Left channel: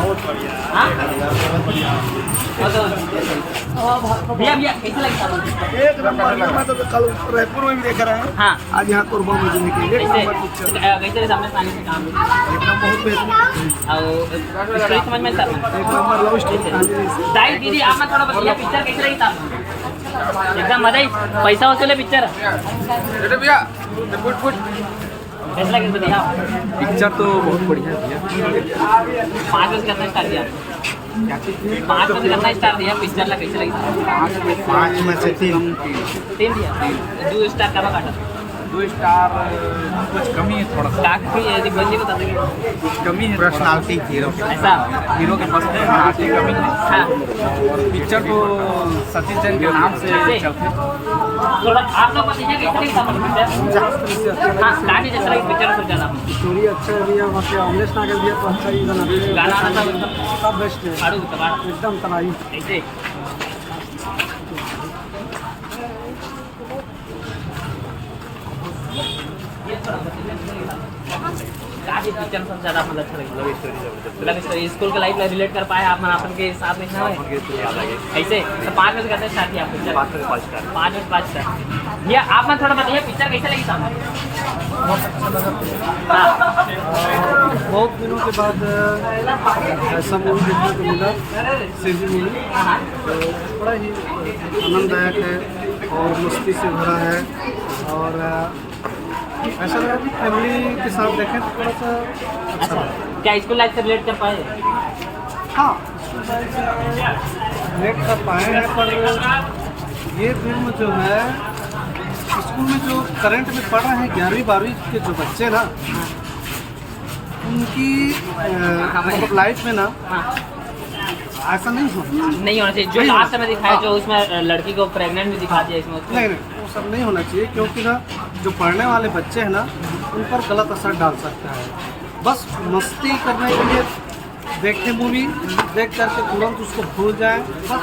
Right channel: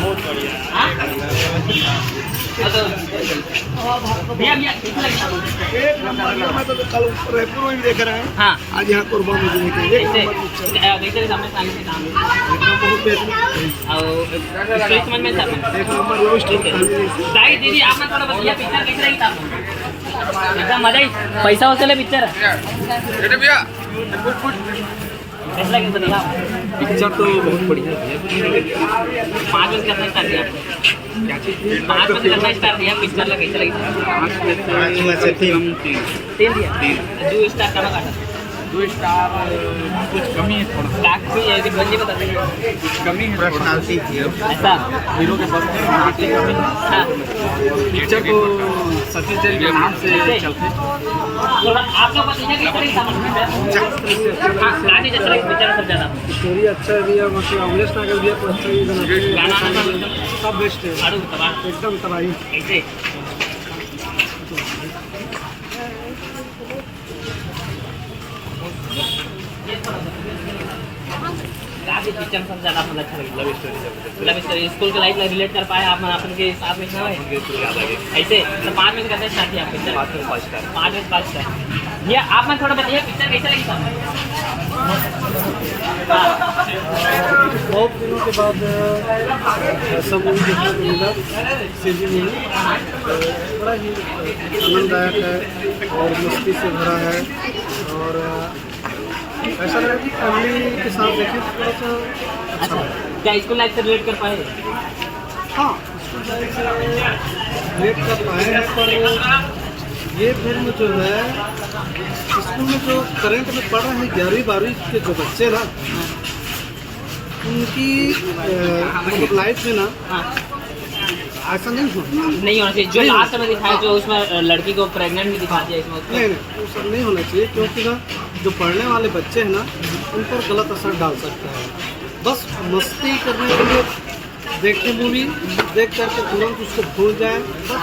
बहुत बढ़िया। भैया भैया कैसा लगता है? एक नंबर। मैं तो कल रायपुर में भी देख रहे हैं, हाँ आज यहाँ कोरबा में भी देखे, एक नंबर पिक्चर, कैसे सामने आने से काम एकदम बहुत बेहतरीन, और स्टोरी समझ में सब एक नंबर लव स्टोरी कहानी है। दाई दीदी आप थोड़ा बताइए पिक्चर कैसे लगी था आपको? एकदम मजा ही, पैसा वसूल है पिक्चर। कैसा लगे बताइए आप? पिक्चर तो बहुत बढ़िया है। 5 बजे करना स्टार्ट किया, 5 बजे करना स्टार्ट किया, पिक्चर लगा कैसे लगी? 5 में से 3 दिया 2 स्टार करो का 2 स्टार कुछ कमी है थोड़ा सा, काफी यदि बंदी बता देंगे कुछ कमी है पर्सनालिटी की ऐसा हीरो के पास पर्सनालिटी कमी है। पिक्चर को सतीश जैन के नाम से चलते थोड़ा आप लोग बताइए कैसे लगी था पिक्चर? हाँ गाने जैसा लगी पिक्चर सब ज़्यादा स्टोरी अच्छा भी है, बाकी अमलेश नागर भी है तो अच्छा ही गाना, गाना सब एकदम सब बेस्ट है, आड़ू तबाह एकदम तबाही। कैसे काफी पिक्चर सब ज़्यादा मतलब अच्छा लगी। लव स्टोरी जबरदस्त, लव स्टोरी स्कूल के लाइफ रिलेट कर पाए आप अपन के साथ में ना उनके तो याद आ गए। ऐसे तो 5 में से करते स्टार्ट किया पिक्चर 5 में 5 स्टार 5 में 5 स्टार। भैया आप मैं थोड़ा बताइए पिक्चर कैसे लगी था? हाँ बहुत दिनों के बाद ऐसा मूवी देखने को मिला, सीजी मूवी, हाँ तो बड़ा ही आनंददायक है और मस्ती से भरा है, और ऐसा लगा कि फैमिली के साथ देखें तो थोड़ा सा अच्छा अच्छा लगा। क्या स्कूल लाइफ से रिलेट कर पाए? हाँ, स्कूल लाइफ से रिलेट कर पाए हैं, पर ये फिल्म जो है स्कूल में जो करंट में पढ़ रहे हैं 11वीं 12वीं के जो बच्चे ना, उनकी मतलब लाइफ में ना हाँ ऐसा नहीं होना, नहीं होना चाहिए जो नहीं लास्ट में होना। दिखाया हाँ। जो उसमें लड़की को प्रेग्नेंट भी दिखा दिया इसमें नहीं वो सब नहीं होना चाहिए, क्योंकि ना जो पढ़ने वाले बच्चे हैं ना उन पर गलत असर डाल सकता है। बस मस्ती करने के लिए देखे मूवी, देख करके तुरंत उसको भूल जाए, बस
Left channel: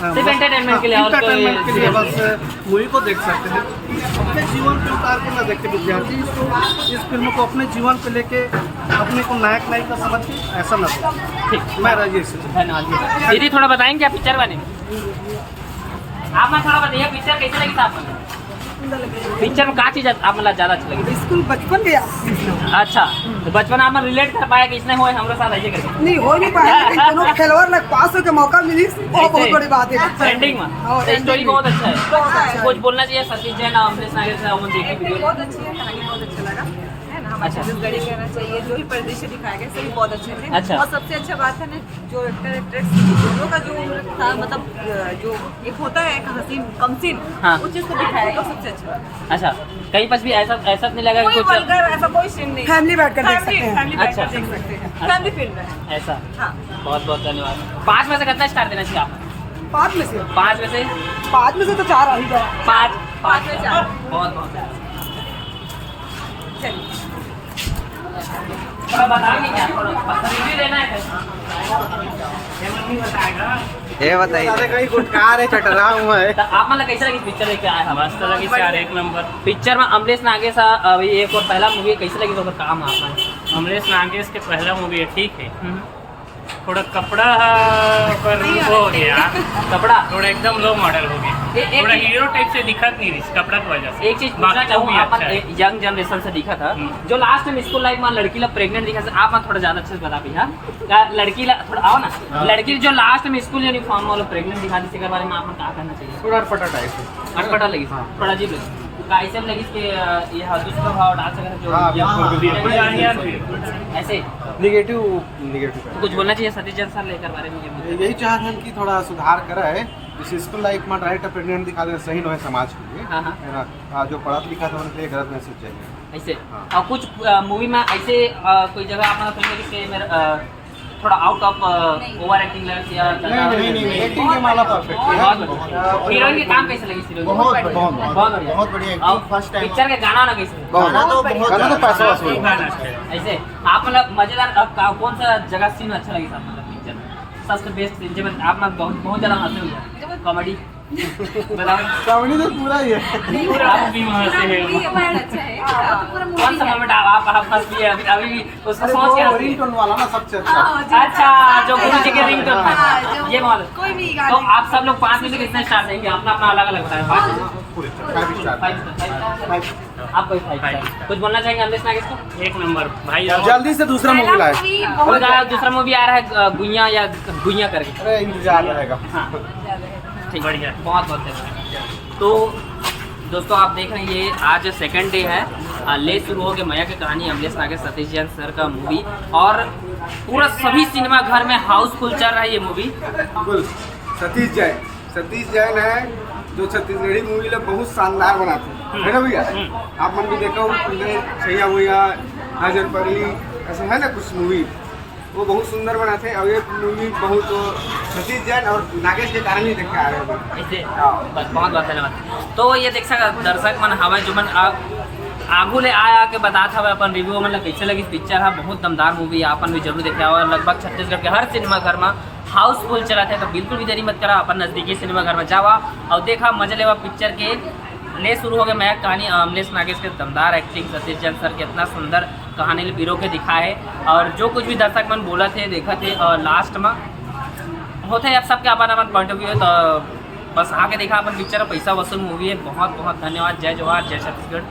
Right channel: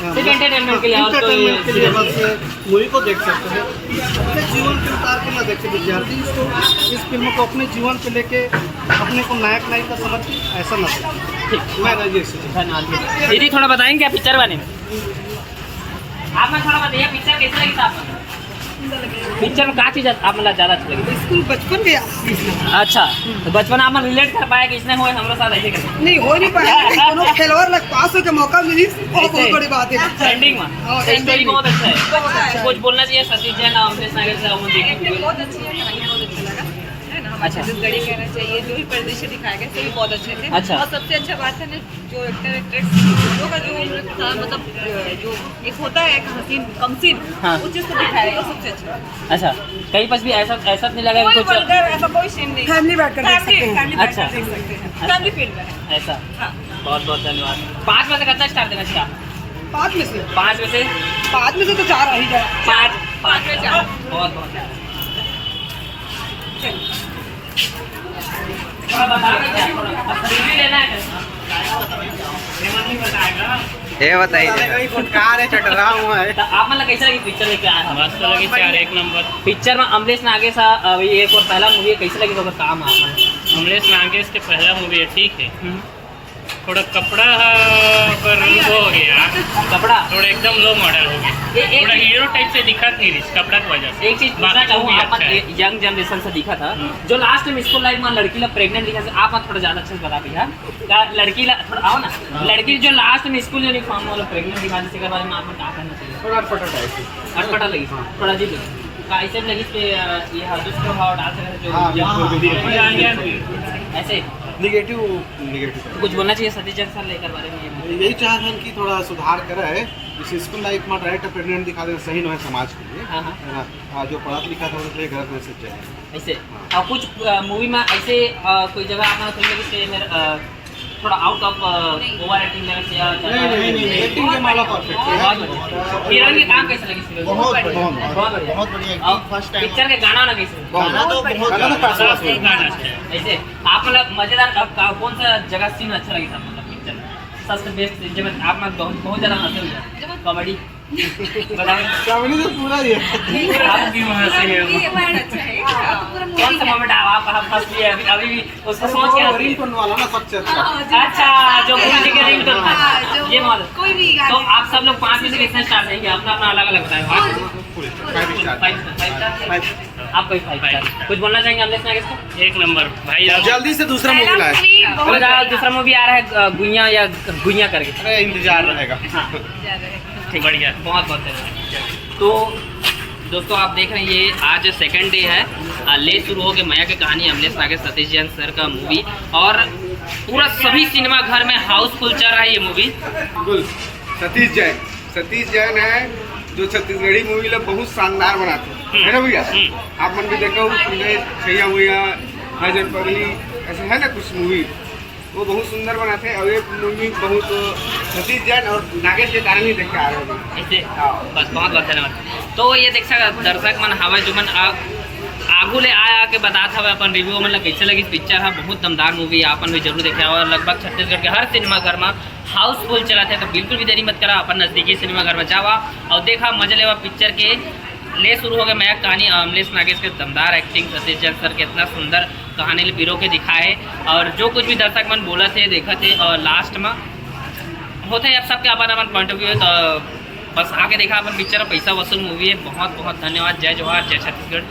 सिर्फ entertainment के लिए, और कोई एंटरटेनमेंट के लिए बस मूवी को देख सकते हैं। अपने जीवन पे उतार के ना देखे विद्यार्थी, इसको इस फिल्म को अपने जीवन पे लेके अपने को नायक नायिका समझ के ऐसा ना देखें। मैं राजेश से धन्यवाद। दीदी थोड़ा बताएंगे क्या पिक्चर बारे में? आप मैं थोड़ा बताइए पिक्चर कैसे लगी था आपको? पिक्चर में क्या चीज़ आप मतलब ज़्यादा अच्छी लगी? स्कूल बचपन के अच्छा तो बचपन आप रिलेट कर पाया कि इसने हुए हमारे साथ ऐसे करके नहीं हो नहीं पाया, लेकिन दोनों खेलवर लग पास हो के मौका मिली, वो बहुत बड़ी बात है। एंडिंग में हाँ, स्टोरी ending बहुत अच्छा है। अच्छा कुछ बोलना चाहिए सतीश जैन और अमलेश नागर से अमन देखी वीडियो। बहुत अच्छी है, कहानी बहुत अच्छा लगा है ना। हमारे छत्तीसगढ़ी कहना चाहिए, जो भी परिदृश्य दिखाए गए सभी बहुत अच्छे थे। अच्छा। और सबसे अच्छा बात है ना जो एक्टर एक्ट्रेस दोनों का जो था, मतलब जो एक होता है एक हसीन कमसीन, हाँ। उस चीज़ को दिखाया गया सबसे अच्छा। अच्छा कहीं पर भी ऐसा ऐसा नहीं लगा कि कोई कुछ वल्गर ऐसा कोई सीन नहीं, फैमिली बैठकर देख सकते हैं। फैमिली बैठ अच्छा। कर देख सकते हैं, फैमिली फिल्म है। ऐसा हाँ बहुत बहुत धन्यवाद। 5 में से कितना स्टार देना चाहिए आप? 5 में से 5 में से 5 में से तो 4 आ ही जाए। 5 5 में 4। बहुत बहुत थोड़ा बताओगे क्या? थोड़ा रिव्यू लेना है कैसा? ये बताइए तो आप मतलब कैसा लगी पिक्चर लेके आए हम? मस्त लगी 4 एक नंबर। पिक्चर में अमलेश नागेश अभी एक और पहला मूवी कैसी लगी तो काम आप अमलेश नागेश के पहला मूवी है, ठीक है। थोड़ा कपड़ा पर वो हो गया, कपड़ा थोड़ा एकदम लो मॉडल हो गया, थोड़ा हीरो टाइप से दिखत नहीं रही कपड़ा की वजह से। एक चीज पूछना बाकी चाहूँ मूवी आप अच्छा है। यंग जनरेशन से दिखा था जो लास्ट में स्कूल लाइफ में लड़की ला प्रेग्नेंट दिखा था, आप थोड़ा ज्यादा अच्छे से बता भैया क्या लड़की ला थोड़ा आओ ना, लड़की जो लास्ट में स्कूल यूनिफॉर्म वाला प्रेग्नेंट दिखा इसके बारे में आप क्या करना चाहिए? थोड़ा अटपटा टाइप है। अटपटा लगी थोड़ा अजीब लगी ऐसे लगी कि यह दुष्प्रभाव डाल सकता है जो ऐसे निगेटिव कुछ बोलना चाहिए सतीश जैन सर लेकर बारे में ये यही चाहते हैं कि थोड़ा सुधार करे, इस स्कूल लाइफ में डायरेक्ट प्रेग्नेंट दिखा देना सही नहीं है समाज के लिए, हाँ, हाँ। है ना। जो पढ़ा लिखा था उनके लिए गलत मैसेज है। ऐसे हाँ। और कुछ मूवी में ऐसे कोई जगह आप मतलब लगे कि मेरा थोड़ा out of over acting level से या नहीं, एक्टिंग के मामला परफेक्ट है। बहुत बढ़िया। हीरोइन के काम कैसे लगी हीरोइन? बहुत बढ़िया। बहुत बढ़िया फर्स्ट टाइम पिक्चर के गाना ना कैसे? गाना तो बहुत पैसा वसूल है। गाना अच्छा है। ऐसे आप मतलब मजेदार कौन सा जगह सीन अच्छा लगी था मतलब पिक्चर में सबसे बेस्ट जब आप बहुत ज़्यादा हंसे हुए कॉमेडी बताओ श्रावणी तो पूरा ही है। आप भी वहाँ से ये हो। बहुत अच्छा है कौन सा मोमेंट आप फंस लिए अभी भी उसको सोच के हंस रही रिंगटोन वाला ना सबसे अच्छा। अच्छा जो गुरु जी के रिंगटोन हाँ, था जो ये मॉडल कोई भी तो आप सब लोग 5 में से कितने स्टार देंगे अपना अपना अलग अलग बताएं पूरे 5 स्टार। 5 आपको 5 स्टार कुछ बोलना चाहेंगे अमलेश नागेश को एक नंबर भाई जल्दी से दूसरा मूवी लाए। और दूसरा मूवी आ रहा है गुइया या गुइया करके अरे इंतजार रहेगा। हाँ ठीक बढ़िया। बहुत बहुत धन्यवाद। तो दोस्तों आप देख रहे हैं ये आज सेकंड डे है ले शुरू हो गया मैया की कहानी अमलेश नागेश सतीश जैन सर का मूवी और पूरा सभी सिनेमा घर में हाउसफुल चल रहा है ये मूवी। बिल्कुल सतीश जैन है जो छत्तीसगढ़ी मूवी लोग बहुत शानदार बनाते हैं, है ना भैया? आप मन भी देखो छैया भैया हाजर पगली ऐसे है ना कुछ मूवी वो बहुत सुंदर बनाते हैं और ये मूवी बहुत सतीश जैन और नागेश के कारण ही देख के आ रहे हो। ऐसे बस बहुत बहुत धन्यवाद। तो ये देख सकते दर्शक मन हवा जो मन आगू ले आके बताता हुआ अपन रिव्यू मतलब कैसे लगी पिक्चर है बहुत दमदार मूवी है अपन भी जरूर देखा और लगभग छत्तीसगढ़ के हर सिनेमा घर में हाउसफुल चला थे तो बिल्कुल भी देरी मत करा अपन नज़दीकी सिनेमा घर में जावा और देखा मजा लेवा पिक्चर के ले शुरू हो गया मैं कहानी अमलेश नागेश के दमदार एक्टिंग सतीश जैन सर के इतना सुंदर कहानी पिरो के दिखाए और जो कुछ भी दर्शक मन बोला थे देखा थे और लास्ट में होते हैं अब सबके अपन अपन पॉइंट ऑफ व्यू है तो बस आके देखा अपन पिक्चर पैसा वसूल मूवी है। बहुत बहुत धन्यवाद। जय जवाहर जय छत्तीसगढ़।